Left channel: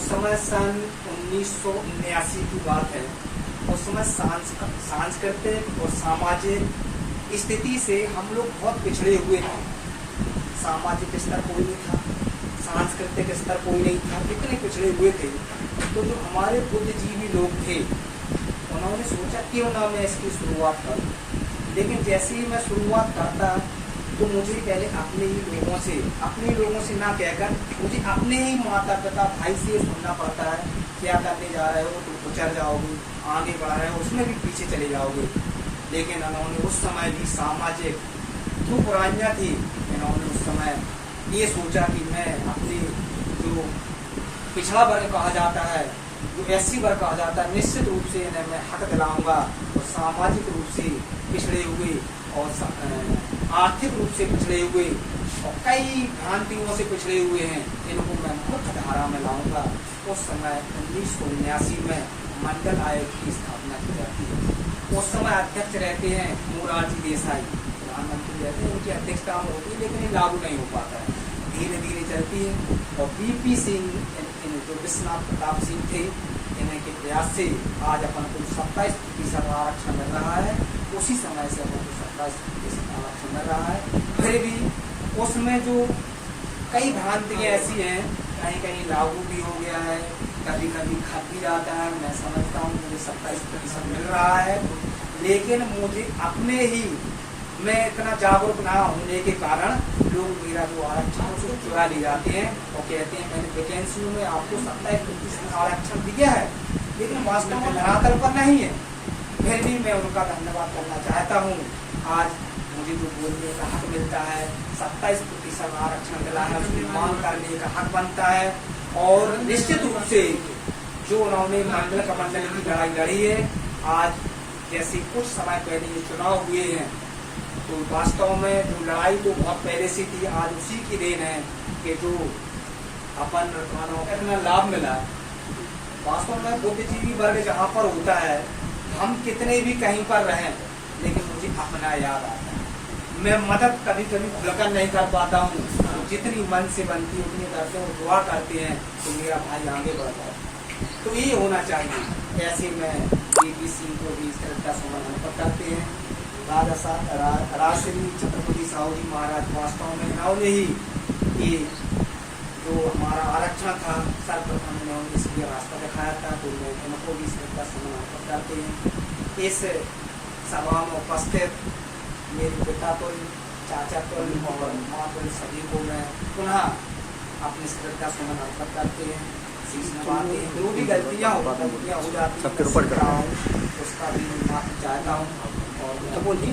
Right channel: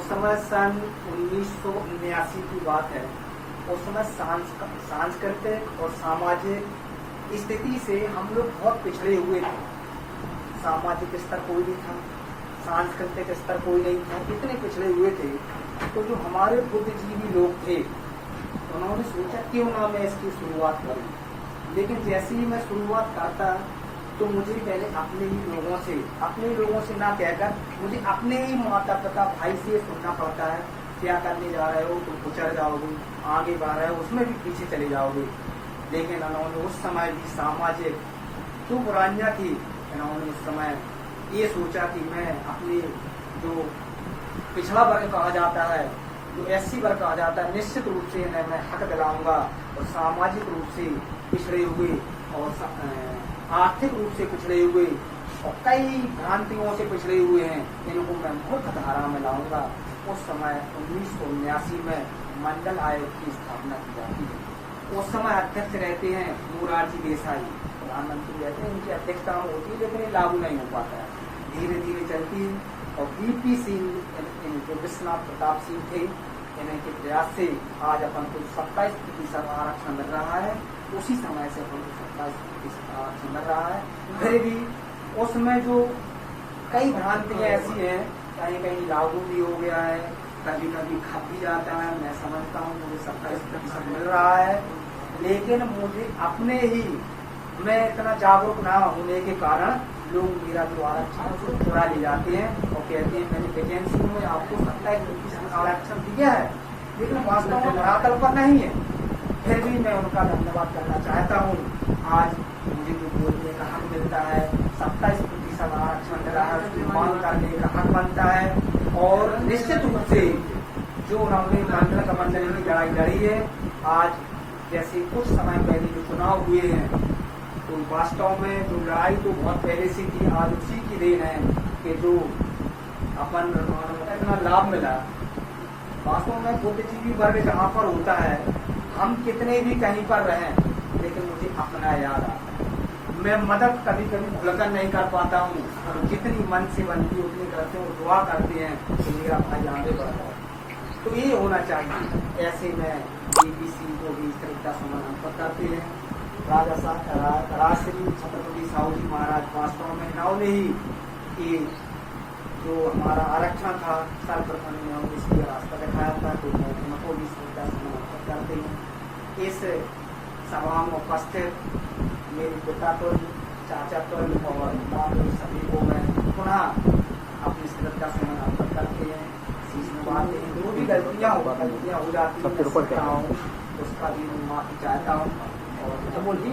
उस समय सन 1979 की बात है। उस समय सांस्कृतिक और सामाजिक स्थिति से हम लोग बहुत पिछड़े हुए थे। सामाजिक स्तर कोई नहीं था, सांस्कृतिक स्तर कोई नहीं था, इतने पिछड़े हुए थे। तो जो हमारे बुद्धिजीवी लोग थे उन्होंने सोचा क्यों ना मैं इसकी शुरुआत करूं। लेकिन जैसे ही मैं शुरुआत करता तो मुझे पहले अपने लोगों से ना कहकर मुझे अपने ही माता पिता भाई से सुनना पड़ता है, क्या करने जा रहे हो, तुम गुजर जाओगे, आगे बढ़ रहे हो उसमें भी पीछे चले जाओगे। लेकिन उन्होंने उस समय भी सामाजिक जो बुराइयाँ थी, इन्होंने उस समय ये सोचा कि मैं अपने जो पिछड़ा वर्ग कहा जाता है, जो SC वर्ग कहा जाता है, निश्चित रूप से इन्हें मैं हक दिलाऊंगा। और सामाजिक रूप से पिछड़े हुए और आर्थिक रूप से पिछड़े हुए और कई भ्रांतियों से पिछड़े हुए हैं, इनको मैं मुख्य धारा में लाऊंगा। उस समय 1979 में मंडल आयोग की स्थापना की जाती है। उस समय अध्यक्ष रहते हैं मोरारजी देसाई, प्रधानमंत्री रहते हैं, उनकी अध्यक्षता में होती है, लेकिन ये लागू नहीं हो पाता है, धीरे धीरे चलती है। और BP सिंह जो विश्वनाथ प्रताप सिंह थे, इन्हीं के प्रयास से आज अपन को 27% आरक्षण मिल रहा है। उसी समय से अपन को 27% आरक्षण मिल रहा है। फिर भी उसमें जो कई भ्रांतियाँ ऐसी हैं, कहीं कहीं लागू भी हो गया है, कभी कभी खप भी जाता है। मैं समझता हूँ मुझे 27% मिल रहा है, लेकिन मुझे अपने ही मैं इतना जागरूक ना होने के कारण लोग मेरा जो आरक्षण है उसको चुरा ले जाते हैं और कहते हैं मैंने वैकेंसी में आपको 27% आरक्षण दिया है, लेकिन वास्तव में धरातल पर नहीं है। फिर भी मैं उनका धन्यवाद करना चाहता हूँ। आज मुझे जो बोलने का हक मिलता है, 27% आरक्षण मिला है, उसकी मांग करने का हक बनता है। और निश्चित रूप से जो उन्होंने मंडल कमंडल की लड़ाई लड़ी है, आज जैसे कुछ समय पहले जो चुनाव हुए हैं, तो वास्तव में जो लड़ाई तो बहुत पहले से थी, आज उसी की देन है कि जो अपन इतना लाभ मिला। वास्तव में बुद्धिजीवी वर्ग जहाँ पर होता है, हम कितने भी कहीं पर रहें, लेकिन मुझे अपना याद आता है। मैं मदद कभी कभी भूलकर नहीं कर पाता हूँ, तो जितनी मन से बनती है उतनी करते हैं, वो दुआ करते हैं कि मेरा भाई आगे बढ़ जाए। तो ये होना चाहिए। ऐसे में BP सिंह को भी श्रद्धा सुमन अर्पित करते हैं। राजश्री छत्रपति साहू जी महाराज वास्तव में इन्होंने ही ये जो हमारा आरक्षण था सर्वप्रथम इन्होंने इसकी रास्ता दिखाया था, तो मैं इनको भी श्रद्धा सुमन अर्पित करते हैं। इस सभा में उपस्थित मेरे पिता तो चाचा तो और माँ तो सभी को मैं पुनः अपनी श्रद्धा सुमन अर्पित करते हैं, शीश नवाते हैं। जो भी गलतियाँ हो जाती हैं उसका भी माफी चाहता हूँ और बोलिए।